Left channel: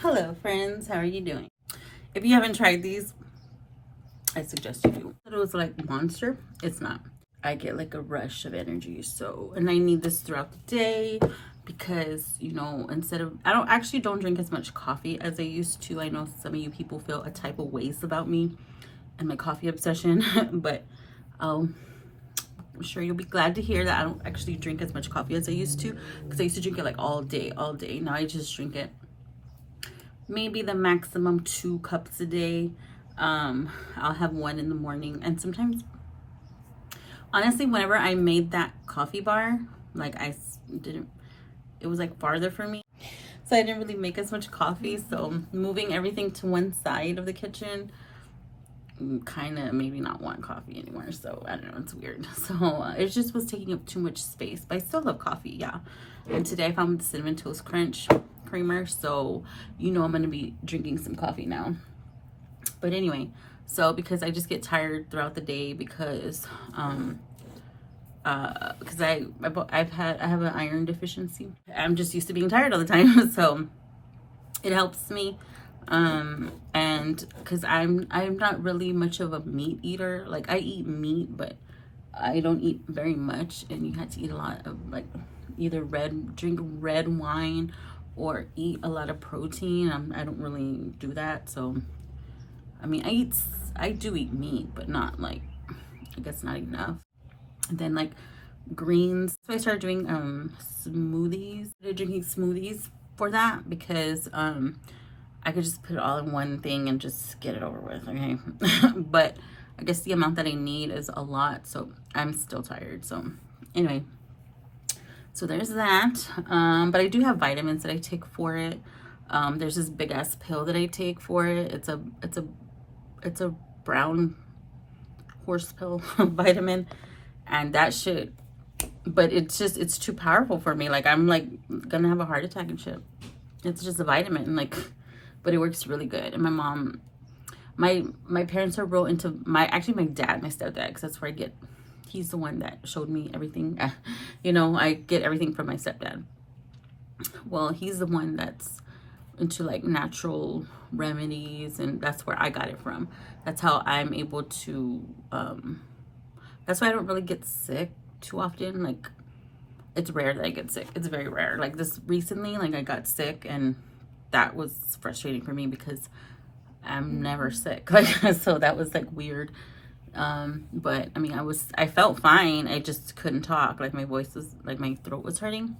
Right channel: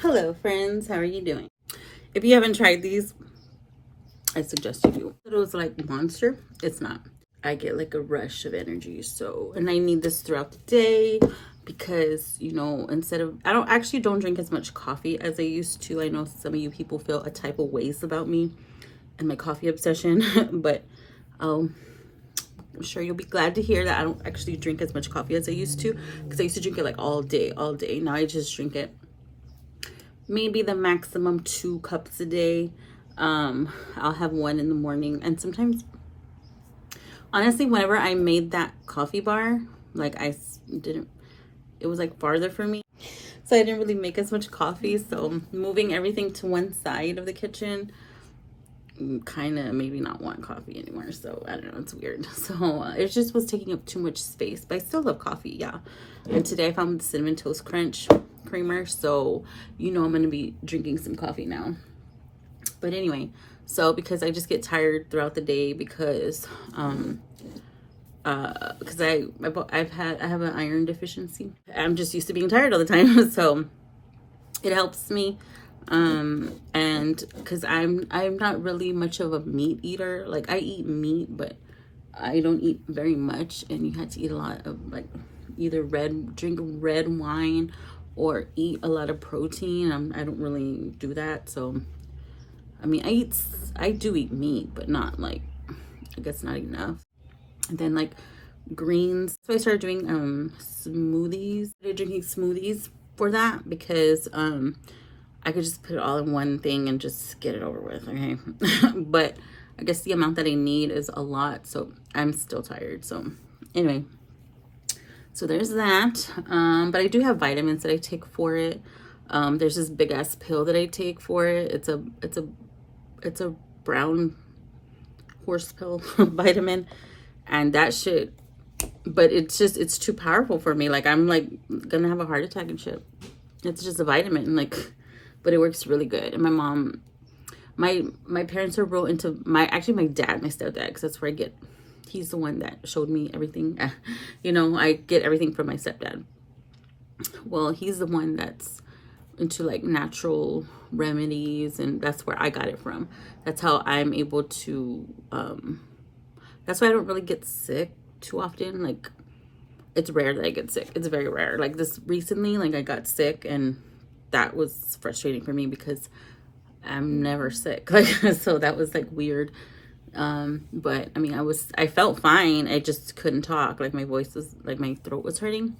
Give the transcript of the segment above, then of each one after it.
Hello friends, how are you doing? If you haven't tried these, I suggest you do. It was like Monster. It's not. I get like a rush of energy, so and I need this throughout the day because instead of I don't drink as much coffee as I used to. I know some of you people feel a type of ways about me and my coffee obsession, but I'm sure you'll be glad to hear that I don't actually drink as much coffee as I used to, because I used to drink it like all day, all day. Now I just drink it maybe the maximum 2 cups a day. I'll have one in the morning, and sometimes, honestly, whenever I made that coffee bar, like I didn't, it was like farther for me, so I didn't really make as much coffee. So moving everything to one side of the kitchen kind of maybe not want coffee anymore. So I don't know, it's weird. So it just was taking up too much space, but I still love coffee, yeah. And today I found the Cinnamon Toast Crunch creamer, so I'm gonna be drinking some coffee now. But anyway, so because I just get tired throughout the day because I have an iron deficiency. I'm just used to being tired all the time. So it helps me. And because I'm not really much of a meat eater. Like, I eat meat, but I don't eat very much, and you have to eat a lot of, like, either drink red wine or eat a lot of protein. I don't really do that. So I mean, I do eat meat, but not like, I guess not enough. And then like greens. So I started doing smoothies. I started drinking smoothies for that because I could just put it all in one thing and just get it over with, okay? But I guess the amount that I need is a lot, so I'm still tired. So anyway, so there's that. But I do have vitamins that I take for it. There's this big ass pill that I take for it. It's a brown horse pill vitamin, and that shit, but it's too powerful for me. Like, I'm like gonna have a heart attack and shit. It's just a vitamin, like, but it works really good. And my mom, my parents are real into my dad, my stepdad, because that's where he's the one that showed me everything. I get everything from my stepdad. Well, he's the one that's into like natural remedies, and that's where I got it from. That's how I'm able to that's why I don't really get sick too often. Like, it's rare that I get sick. It's very rare. Like, this recently, like, I got sick, and that was frustrating for me because I'm never sick. Like, so that was like weird. But I mean, I felt fine. I just couldn't talk. Like, my voice was, like, my throat was hurting.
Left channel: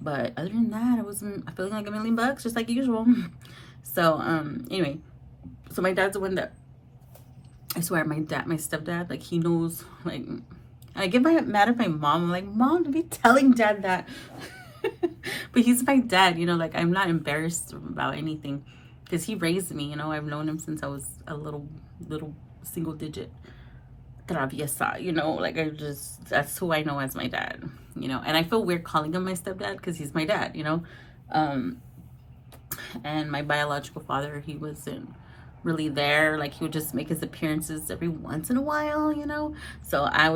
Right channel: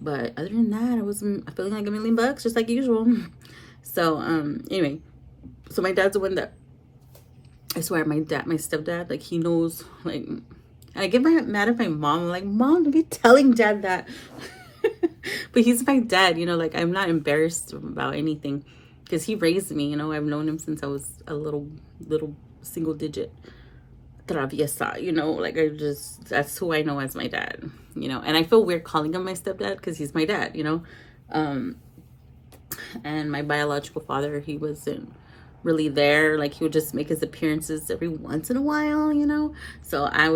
But other than that, I wasn't feeling like $1,000,000, just like usual. So, anyway, so my dad's the one that, I swear, my stepdad, like, he knows, like, I get mad at my mom. I'm like, Mom, don't be telling dad that. But he's my dad, like, I'm not embarrassed about anything because he raised me. I've known him since I was a little single digit traviesa, like, that's who I know as my dad, and I feel weird calling him my stepdad because he's my dad, and my biological father, he wasn't really there. Like, he would just make his appearances every once in a while, so I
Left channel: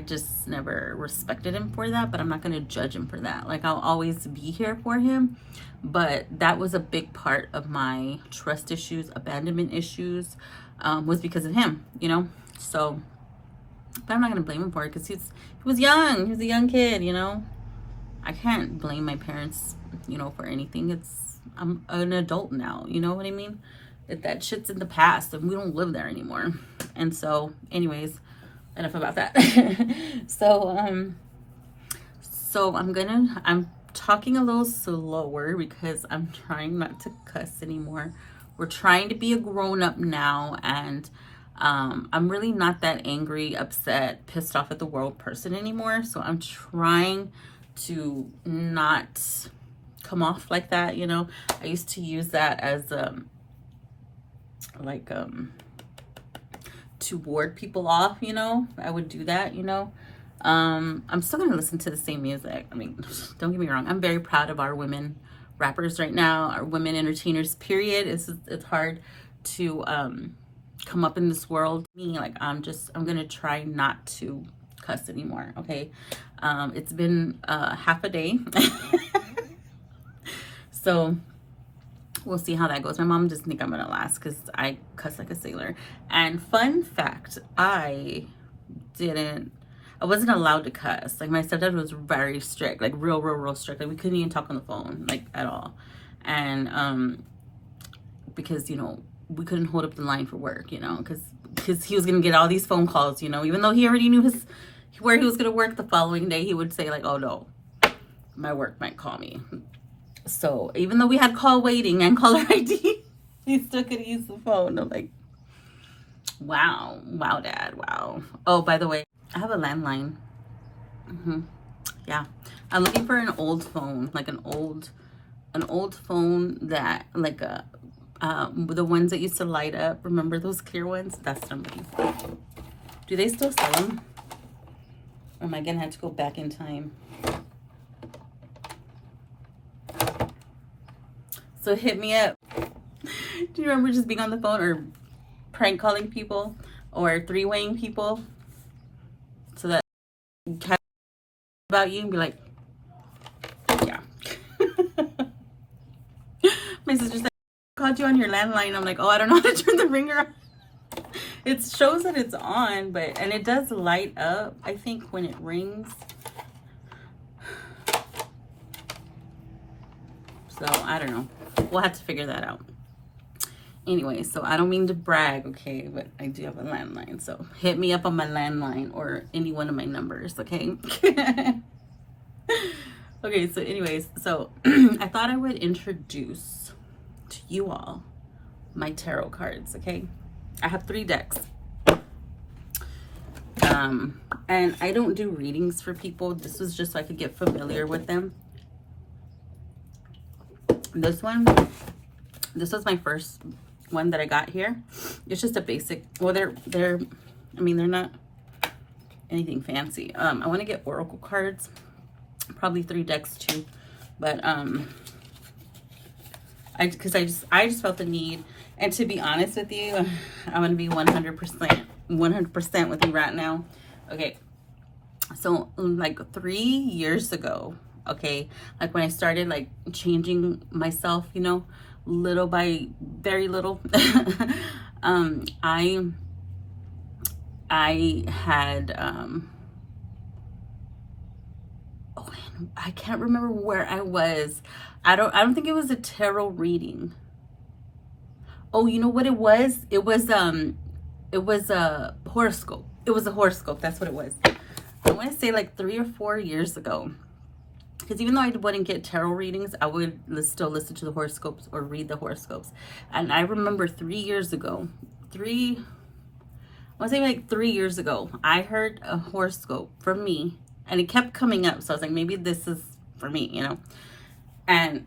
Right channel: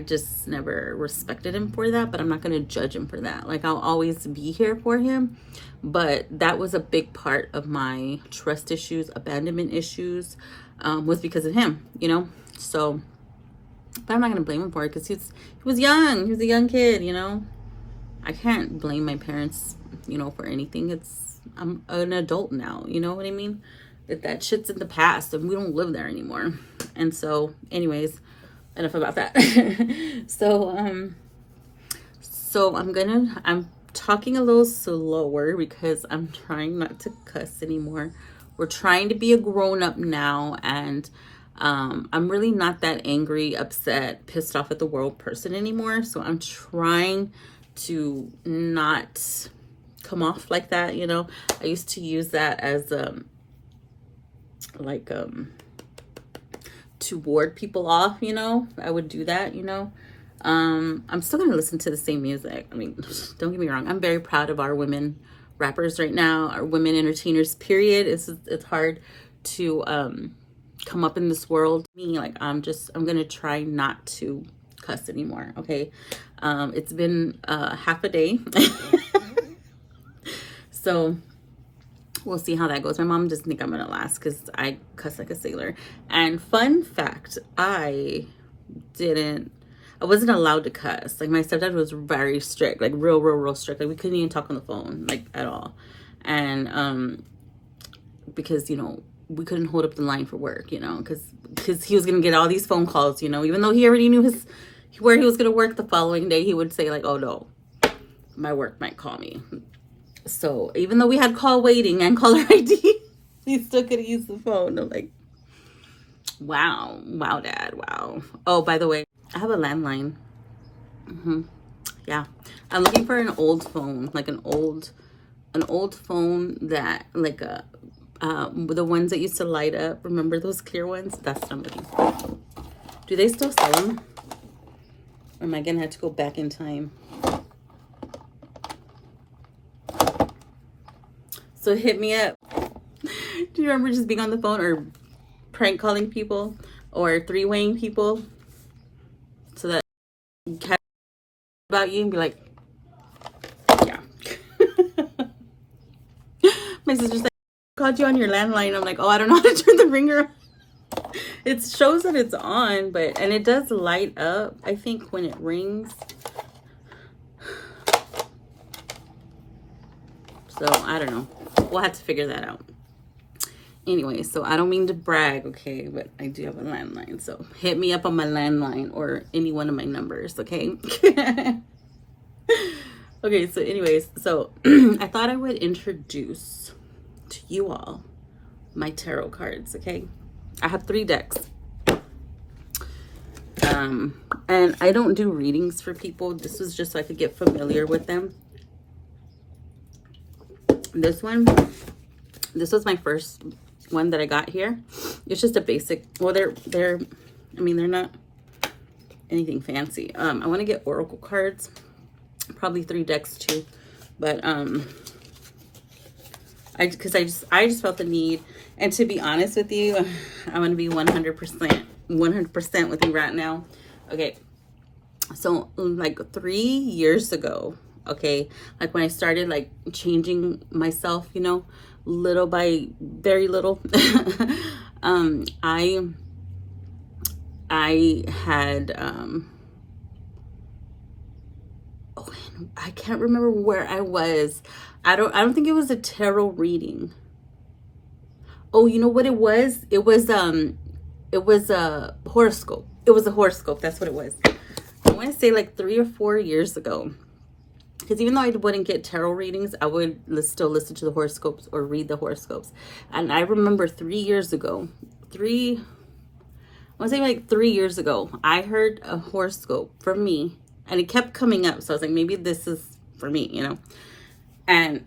just never respected him for that, but I'm not going to judge him for that. Like, I'll always be here for him, but that was a big part of my trust issues, abandonment issues, was because of him, so, but I'm not going to blame him for it because he was young. He was a young kid, I can't blame my parents, for anything. I'm an adult now, you know what I mean? That shit's in the past, and we don't live there anymore. And so, anyways, enough about that. So I'm talking a little slower because I'm trying not to cuss anymore. We're trying to be a grown-up now, and I'm really not that angry, upset, pissed off at the world person anymore. So I'm trying to not come off like that. I used to use that as to ward people off. I would do that. I'm still gonna listen to the same music. I mean, don't get me wrong, I'm very proud of our women rappers right now, our women entertainers, period. It's hard to come up in this world. Me, like, I'm gonna try not to cuss anymore, okay? It's been half a day. So we'll see how that goes. My mom doesn't think I'm gonna last because I cuss like a sailor. And fun fact, I wasn't allowed to cuss. Like, my stepdad was very strict, like real strict. Like, we couldn't even talk on the phone, like, at all. And because, you know, we couldn't hold up the line for work, you know, because he was gonna get all these phone calls, you know, even though he already knew where he was gonna work the following day. He would say like, oh no, my work might call me. So even though we had call waiting and caller ID, we still could use the phone. I'm like, wow, Dad, wow. Oh, by the way, I have a landline. Yeah, I'm looking for an old phone, like an old phone that, like the ones that used to light up. Remember those clear ones? That's what I'm looking for. Do they still sell them? Or am I gonna have to go back in time? So hit me up. Do you remember just being on the phone or prank calling people or three-waying people so that you catch about you and be like, yeah. My sister's like, called you on your landline. I'm like, oh, I don't know how to turn the ringer on. It shows that it's on, and it does light up, I think, when it rings. So I don't know. We'll have to figure that out. Anyway, so I don't mean to brag, okay, but I do have a landline. So hit me up on my landline or any one of my numbers, okay? Okay, so anyways, so I thought I would introduce to you all my tarot cards, okay? I have 3 decks. And I don't do readings for people. This was just so I could get familiar with them. This was my first one that I got here. It's just a basic, well, they're not anything fancy. I want to get oracle cards, probably 3 decks too, but I just felt the need. And to be honest with you, I'm going to be 100% with you right now. Okay. So like 3 years ago, okay, like when I started like changing myself, you know, little by very little, I had, I can't remember where I was. I don't think it was a tarot reading. Oh, you know what it was? It was a horoscope. It was a horoscope. That's what it was. I want to say like 3 or 4 years ago. Because even though I wouldn't get tarot readings, I would still listen to the horoscopes or read the horoscopes. And I remember 3 years ago, I want to say like 3 years ago, I heard a horoscope for me. And it kept coming up. So I was like, maybe this is for me, you know. And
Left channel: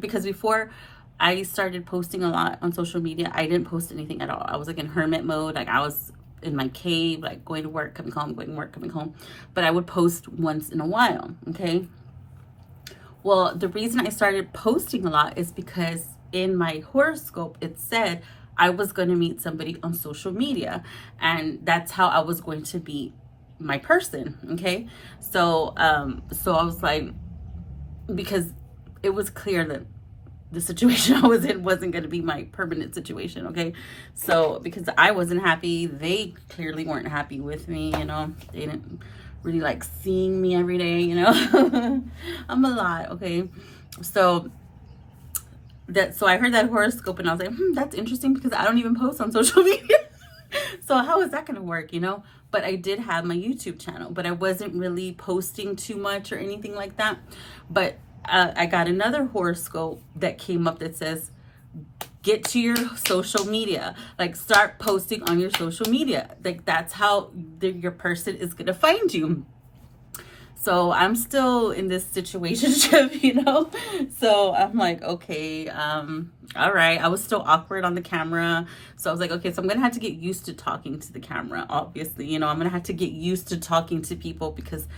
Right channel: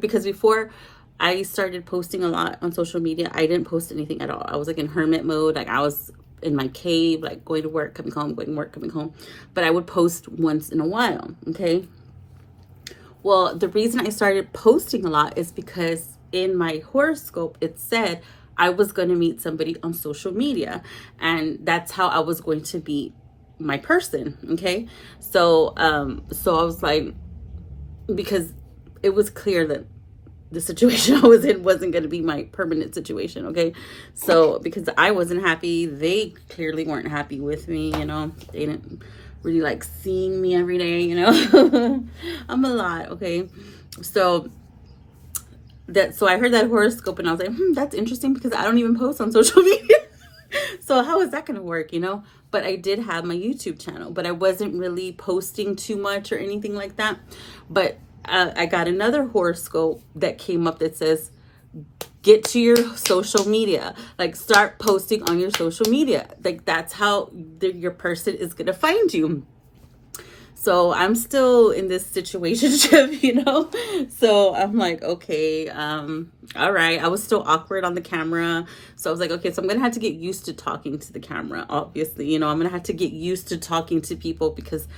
because before I started posting a lot on social media, I didn't post anything at all. I was like in hermit mode. Like I was in my cave, like going to work, coming home, going to work, coming home. But I would post once in a while, okay? Well, the reason I started posting a lot is because in my horoscope, it said I was going to meet somebody on social media. And that's how I was going to be my person, okay? So I was like, because it was clear that the situation I was in wasn't going to be my permanent situation, okay? So because I wasn't happy, they clearly weren't happy with me, you know? They didn't really like seeing me every day, you know? I'm a lot, okay? So I heard that horoscope and I was like, that's interesting because I don't even post on social media. So how is that going to work, you know? But I did have my YouTube channel, but I wasn't really posting too much or anything like that. But I got another horoscope that came up that says, get to your social media, like start posting on your social media. Like that's how your person is going to find you. So I'm still in this situationship, you know? So I'm like, okay, all right. I was still awkward on the camera. So I was like, okay, so I'm going to have to get used to talking to the camera, obviously. You know, I'm going to have to get used to talking to people because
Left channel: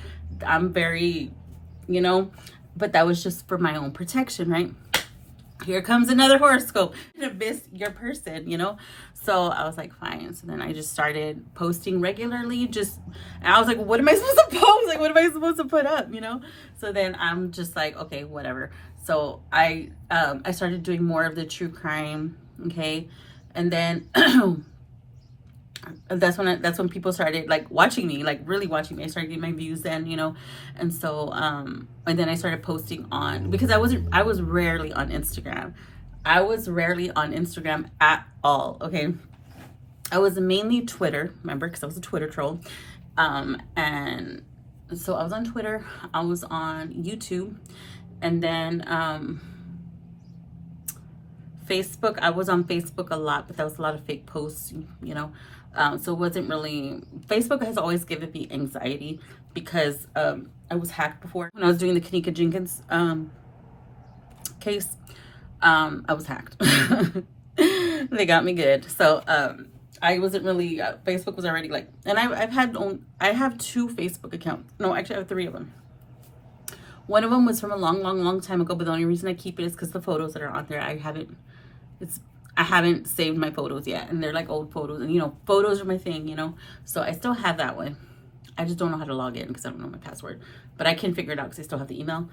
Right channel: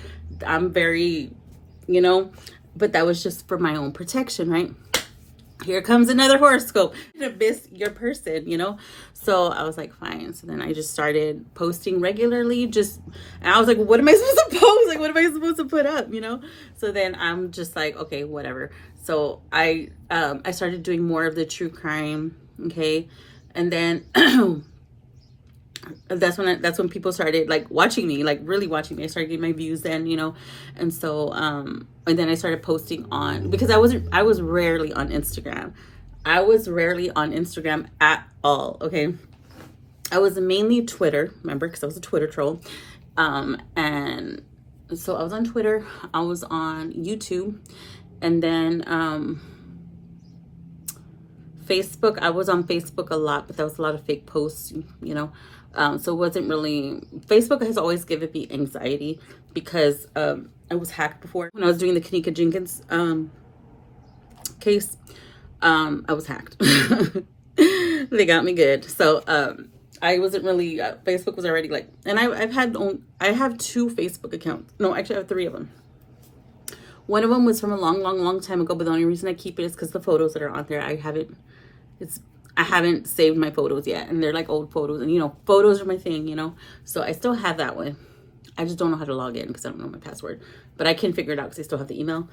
I'm very, you know, but that was just for my own protection, right? Here comes another horoscope. You're gonna miss your person, you know? So I was like, fine. So then I just started posting regularly. And I was like, what am I supposed to post? Like, what am I supposed to put up, you know? So then I'm just like, okay, whatever. So I started doing more of the true crime, okay? And then that's when people started like watching me, like really watching me. I started getting my views then, you know. And so and then I started posting on, because I was rarely on Instagram. I was rarely on Instagram at all, okay? I was mainly Twitter, remember, because I was a Twitter troll. And so I was on Twitter, I was on YouTube, and then Facebook. I was on Facebook a lot, but that was a lot of fake posts, you know. So it wasn't really, Facebook has always given me anxiety because I was hacked before. When I was doing the Kenneka Jenkins case, I was hacked. They got me good. So I wasn't really, Facebook was already like, and I have 2 Facebook accounts. No, actually I have 3 of them. One of them was from a long time ago, but the only reason I keep it is because the photos that are on there, I haven't saved my photos yet, and they're like old photos, and you know, photos are my thing, you know. So I still have that one. I just don't know how to log in because I don't know my password, but I can figure it out because I still have the email.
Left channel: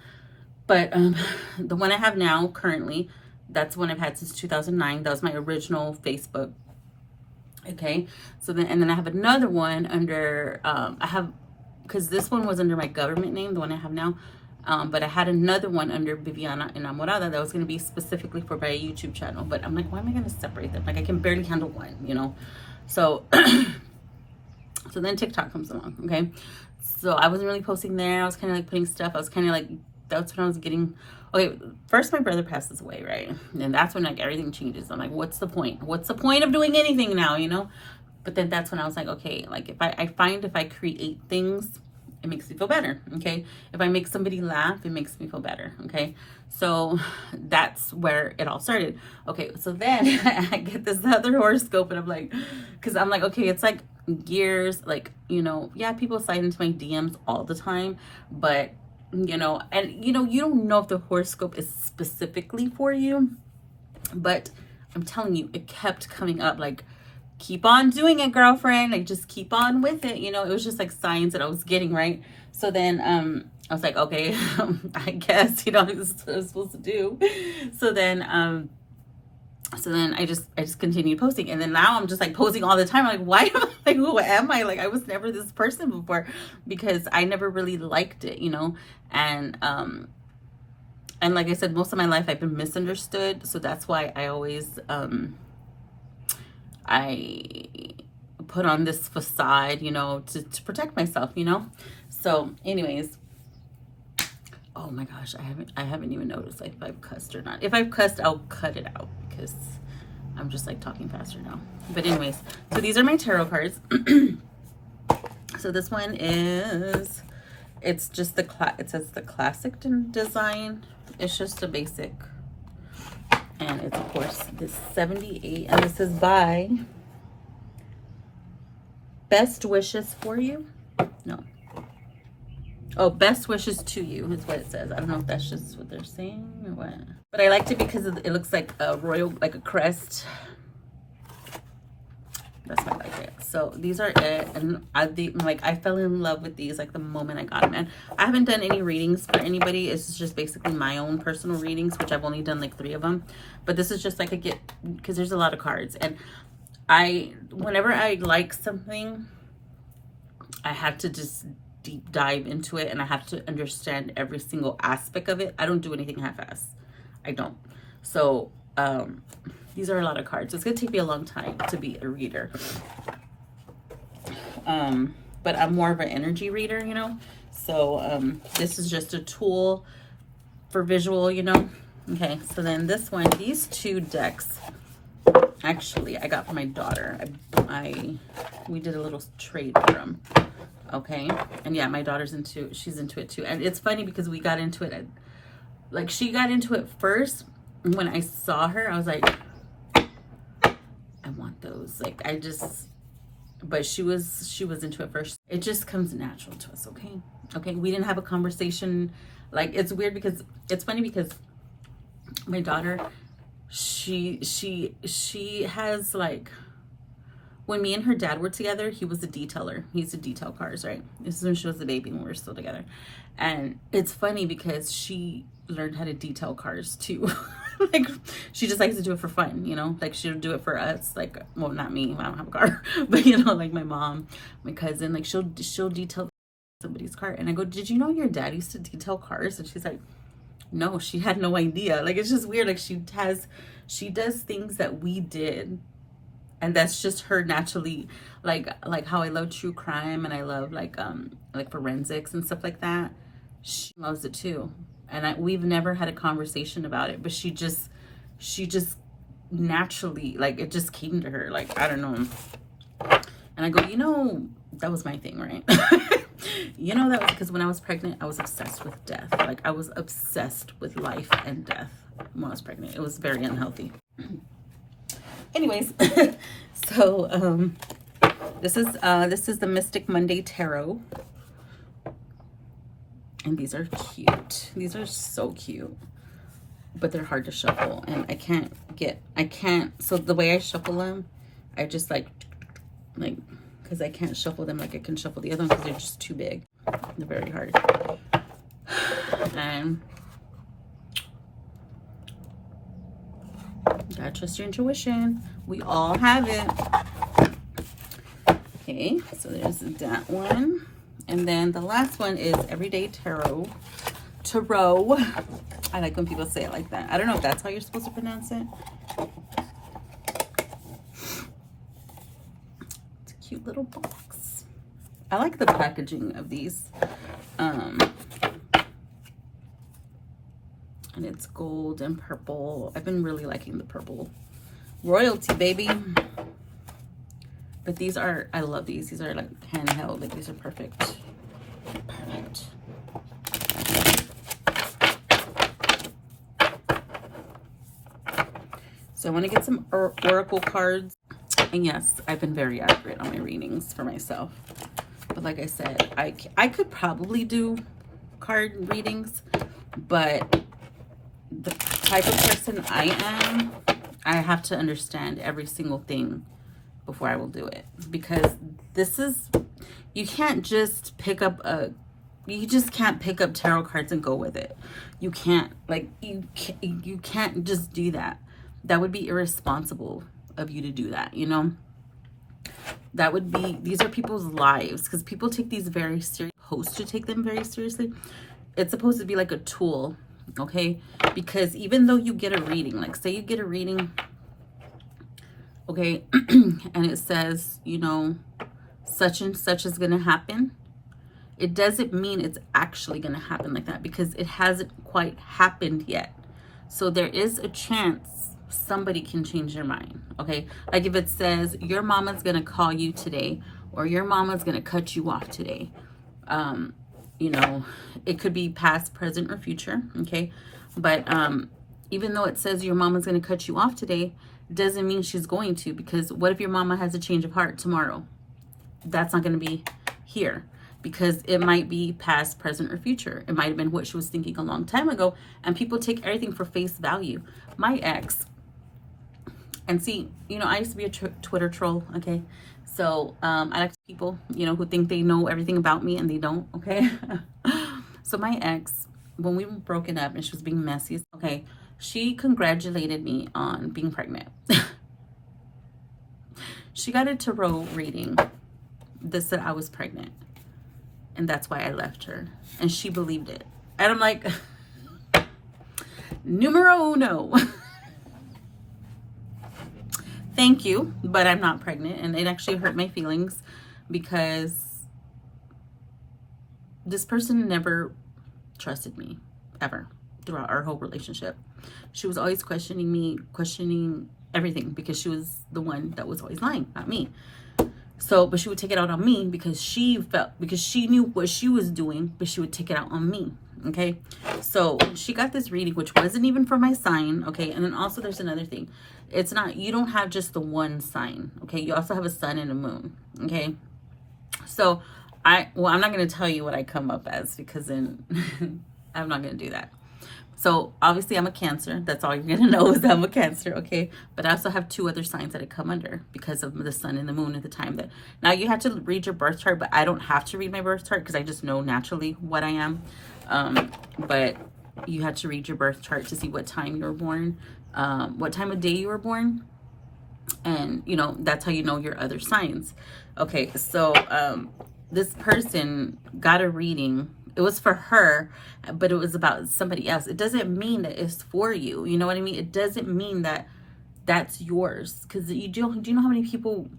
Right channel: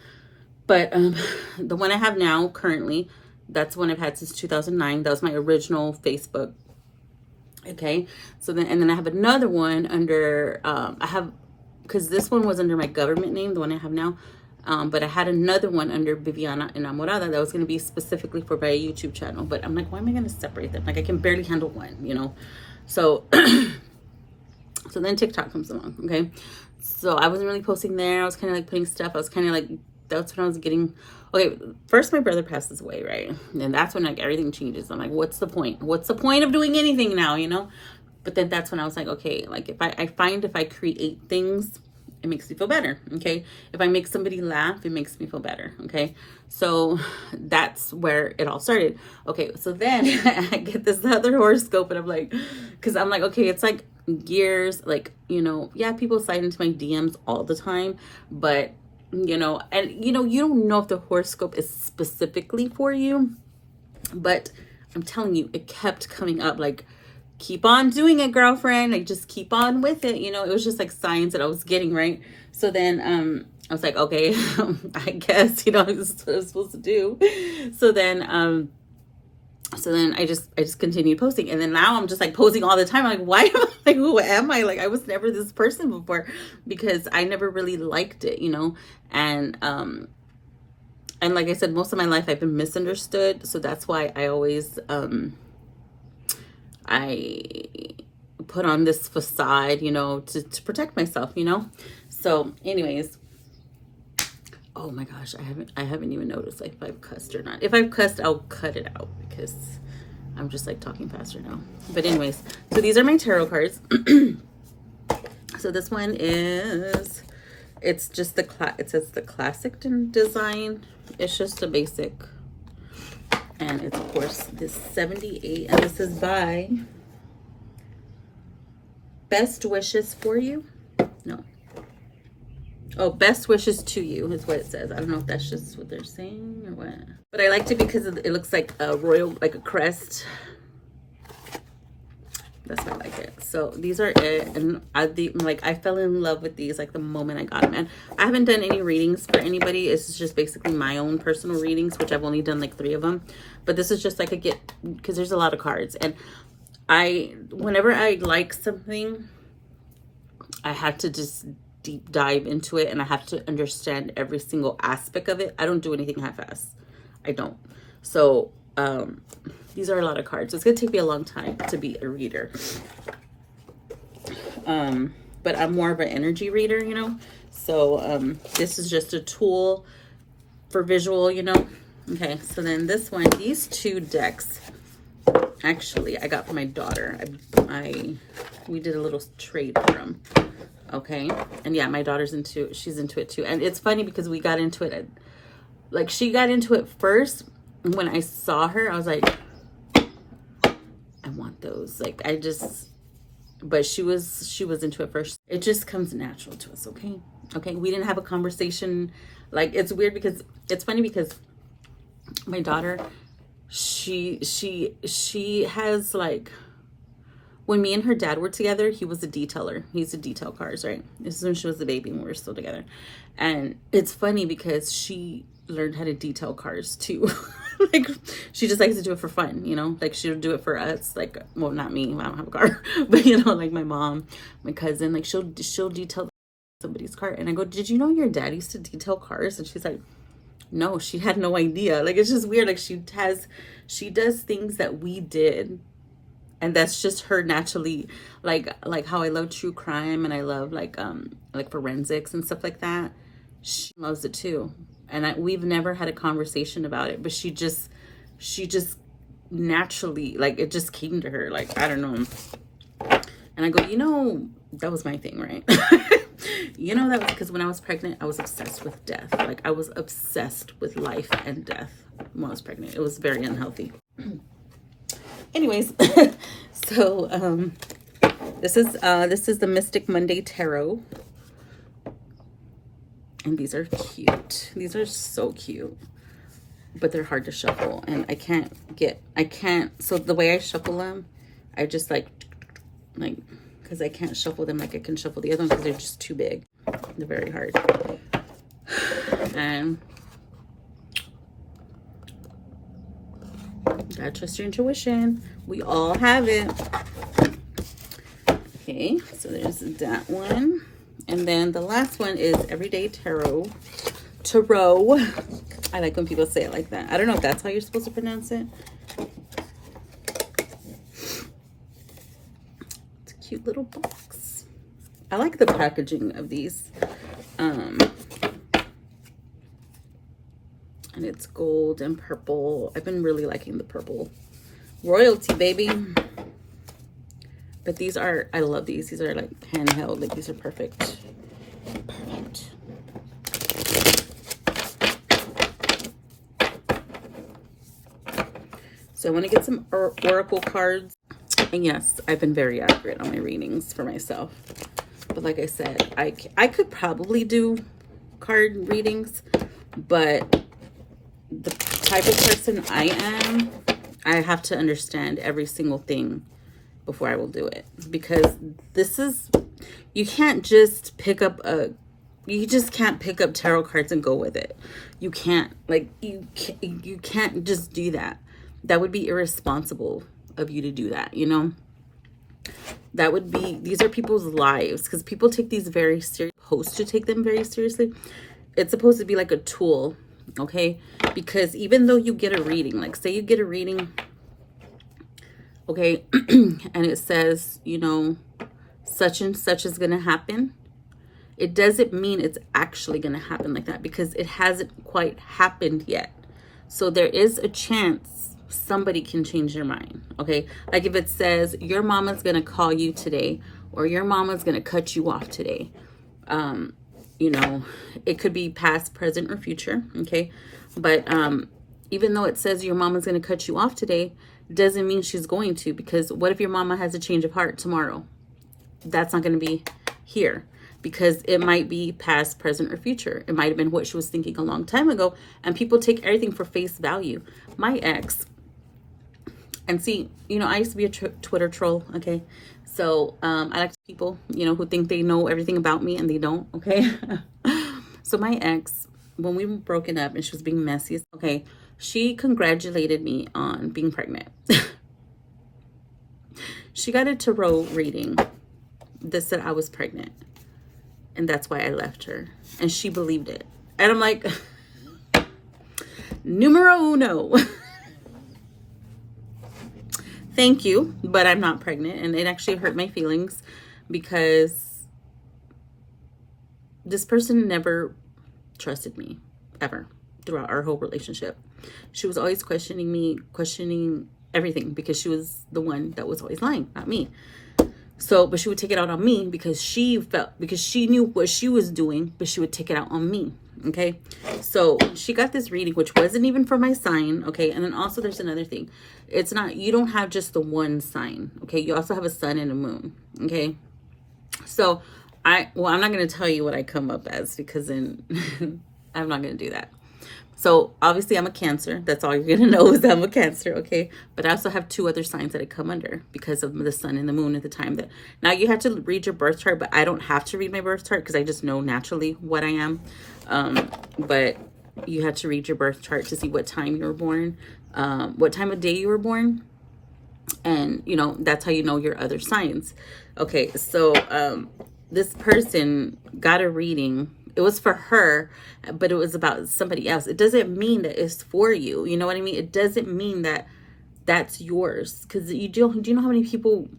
But the one I have now currently, that's one I've had since 2009. That was my original Facebook. Okay, so then I have another one under because this one was under my government name, the one I have now. But I had another one under Viviana Enamorada that was going to be specifically for my YouTube channel. But I'm like, why am I going to separate them? Like, I can barely handle one, you know? So, so then TikTok comes along, okay? So I wasn't really posting there. I was kind of like putting stuff. I was kind of like, that's when I was getting, okay, first my brother passes away, right? And that's when like everything changes. I'm like, what's the point? What's the point of doing anything now, you know? But then that's when I was like, okay, like if I create things, it makes me feel better, okay? If I make somebody laugh, it makes me feel better, okay? So that's where it all started. Okay, so then I get this other horoscope, and I'm like, because I'm like, okay, it's like years, like, you know, yeah, people slide into my DMs all the time, but, you know, and, you know, you don't know if the horoscope is specifically for you, but I'm telling you, it kept coming up, like, keep on doing it, girlfriend. Like, just keep on with it. You know, it was just like signs that I was getting, right? So then I was like, okay, I guess, you know, this is what I was supposed to do. So then I just continued posting, and then now I'm just like posting all the time. I'm like, why am I, like, who am I? Like, I was never this person before, because I never really liked it, you know. And like I said, most of my life I've been misunderstood, so that's why I always I put on this facade, you know, to protect myself, you know. So anyways, oh my gosh, I haven't even noticed like if I've cussed or not. If I've cussed, I'll cut it out because I'm just like talking faster now. But anyways, so these are my tarot cards. So this one is, it's just it says the classic design. It's just a basic. And it's, of course, this 78. And this is by Best Wishes for You. No. Oh, Best Wishes to You is what it says. I don't know if that's just what they're saying or what. But I liked it because it looks like a royal, like a crest. That's why I like it. So these are it. And I fell in love with these like the moment I got them. And I haven't done any readings for anybody. It's just basically my own personal readings, which I've only done like 3 of them. But this is just like because there's a lot of cards. And whenever I like something, I have to just deep dive into it, and I have to understand every single aspect of it. I don't do anything half-ass. I don't. So, these are a lot of cards. So it's going to take me a long time to be a reader. But I'm more of an energy reader, you know. So, this is just a tool for visual, you know. Okay, so then this one, these 2 decks, actually, I got for my daughter. We did a little trade for them. Okay, and yeah, my daughter's she's into it too. And it's funny because we got into it, like she got into it first. When I saw her, I was like, I want those. Like, but she was into it first. It just comes natural to us, okay? Okay, we didn't have a conversation. Like, it's weird because, it's funny because my daughter, she has like, when me and her dad were together, he was a detailer. He used to detail cars, right? This is when she was a baby when we were still together. And it's funny because she learned how to detail cars too. Like, she just likes to do it for fun, you know, like she'll do it for us, like, well, not me, I don't have a car, but you know, like my mom, my cousin, like she'll detail somebody's car. And I go, did you know your dad used to detail cars? And she's like, no, she had no idea. Like, it's just weird. Like, she does things that we did, and that's just her naturally. Like how I love true crime and I love like forensics and stuff like that. She loves it too, and we've never had a conversation about it, but she just naturally, like, it just came to her, like, I don't know. And I go, you know, that was my thing, right? You know, that was because when I was pregnant, I was obsessed with death. Like, I was obsessed with life and death when I was pregnant. It was very unhealthy. Anyways, so this is the Mystic Monday Tarot. And these are cute. These are so cute. But they're hard to shuffle. And I can't, so the way I shuffle them, I just like, because I can't shuffle them like I can shuffle the other ones because they're just too big. They're very hard. And gotta trust your intuition. We all have it. Okay, so there's that one. And then the last one is Everyday Tarot. I like when people say it like that. I don't know if that's how you're supposed to pronounce it. It's a cute little box. I like the packaging of these. And it's gold and purple. I've been really liking the purple. Royalty, baby. But these are, I love these. These are like handheld. Like, these are perfect. Perfect. So I want to get some oracle cards. And yes, I've been very accurate on my readings for myself. But like I said, I could probably do card readings, but the type of person I am, I have to understand every single thing before I will do it. Because this is, you can't just pick up you just can't pick up tarot cards and go with it. You can't, like, you can't just do that. That would be irresponsible of you to do that, you know? That would be, these are people's lives, because people take these very seriously, supposed to take them very seriously. It's supposed to be like a tool, okay? Because even though you get a reading, like say you get a reading, okay, and it says, you know, such and such is going to happen, it doesn't mean it's actually going to happen like that, because it hasn't quite happened yet. So there is a chance somebody can change their mind, okay? Like if it says your mama's gonna call you today, or your mama's gonna cut you off today, you know, it could be past, present, or future, okay? But even though it says your mama's gonna cut you off today, doesn't mean she's going to, because what if your mama has a change of heart tomorrow? That's not gonna be here, because it might be past, present, or future. It might have been what she was thinking a long time ago, and people take everything for face value. My ex, and see, you know, I used to be a Twitter troll, okay? So I like people, you know, who think they know everything about me and they don't, okay? So my ex, when we were broken up and she was being messy, okay, she congratulated me on being pregnant. She got a tarot reading that said I was pregnant. And that's why I left her. And she believed it. And I'm like, numero uno. Thank you, but I'm not pregnant. And it actually hurt my feelings, because this person never trusted me, ever, throughout our whole relationship. She was always questioning me, questioning everything, because she was the one that was always lying, not me. So, but she would take it out on me because she knew what she was doing, but she would take it out on me. Okay. So she got this reading, which wasn't even for my sign. Okay. And then also there's another thing. It's not, you don't have just the one sign. Okay. You also have a sun and a moon. Okay. So I'm not going to tell you what I come up as, because then I'm not going to do that. So obviously I'm a Cancer. That's all you're going to know is I'm a Cancer, okay? But I also have 2 other signs that I come under because of the sun and the moon at the time that... Now you have to read your birth chart, but I don't have to read my birth chart because I just know naturally what I am. But you had to read your birth chart to see what time you were born, what time of day you were born. And, you know, that's how you know your other signs. Okay, so this person got a reading. It was for her, but it was about somebody else. It doesn't mean that it's for you. You know what I mean? It doesn't mean that that's yours. Because do you know how many people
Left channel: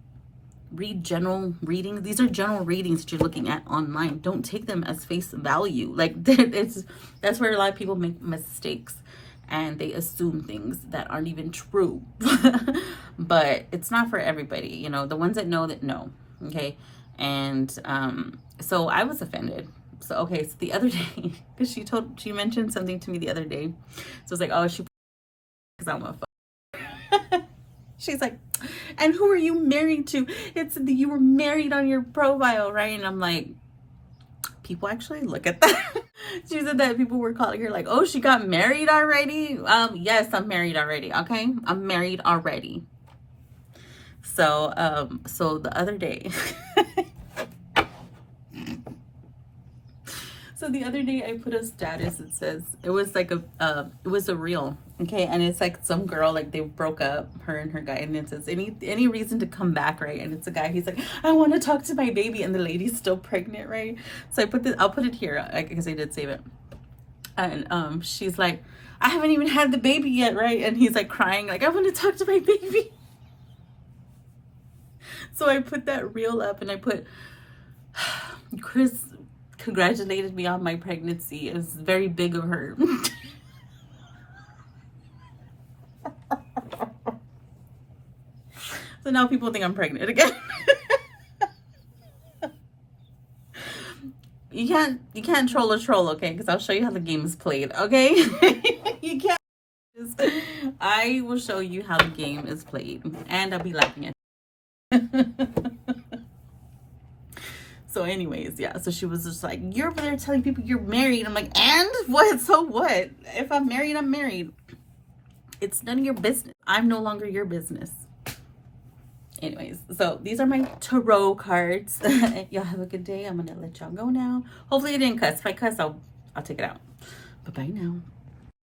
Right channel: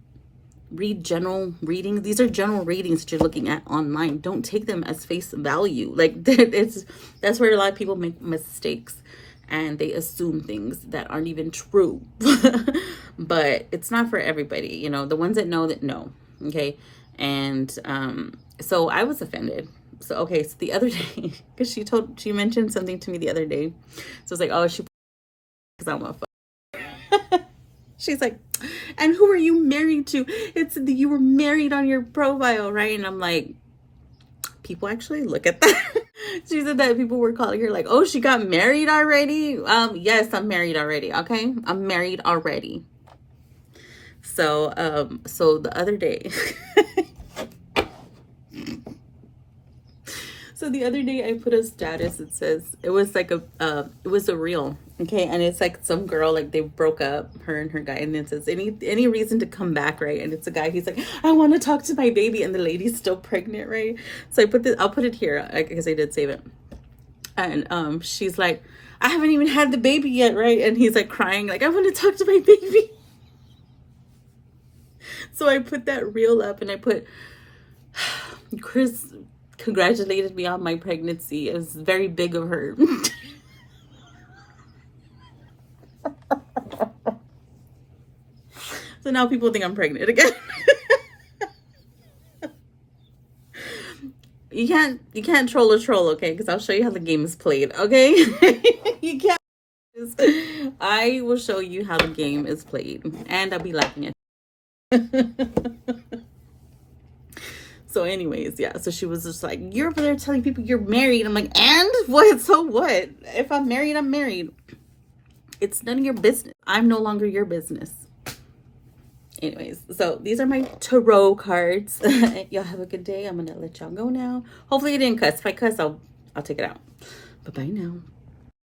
read general readings? These are general readings that you're looking at online. Don't take them as face value. Like, that's where a lot of people make mistakes, and they assume things that aren't even true. But it's not for everybody, you know. The ones that know, okay. And so I was offended. So okay, so the other day, because she mentioned something to me the other day. So it's like, oh, because I'm a fuck. She's like, and who are you married to? It's you were married on your profile, right? And I'm like, people actually look at that. She said that people were calling her like, oh, she got married already. Yes, I'm married already. Okay, I'm married already. So so the other day so the other day I put a status. It says, it was like it was a reel, okay, and it's like some girl, like they broke up, her and her guy, and it says any reason to come back, right? And it's a guy, he's like, I want to talk to my baby, and the lady's still pregnant, right? So I'll put it here because I did save it. And she's like, I haven't even had the baby yet, right? And he's like crying, like, I want to talk to my baby. So I put that reel up, and I put, Chris congratulated me on my pregnancy. It was very big of her. So now people think I'm pregnant again. You can't troll a troll, okay? Because I'll show you how the game is played, okay? You can't. I will show you how the game is played, and I'll be laughing at you. So anyways, yeah, so she was just like, you're over there telling people you're married. I'm like, and what? So what? If I'm married, I'm married. It's none of your business. I'm no longer your business. Anyways, so these are my tarot cards. Y'all have a good day. I'm gonna let y'all go now. Hopefully I didn't cuss. If I cuss, I'll take it out. Bye-bye now.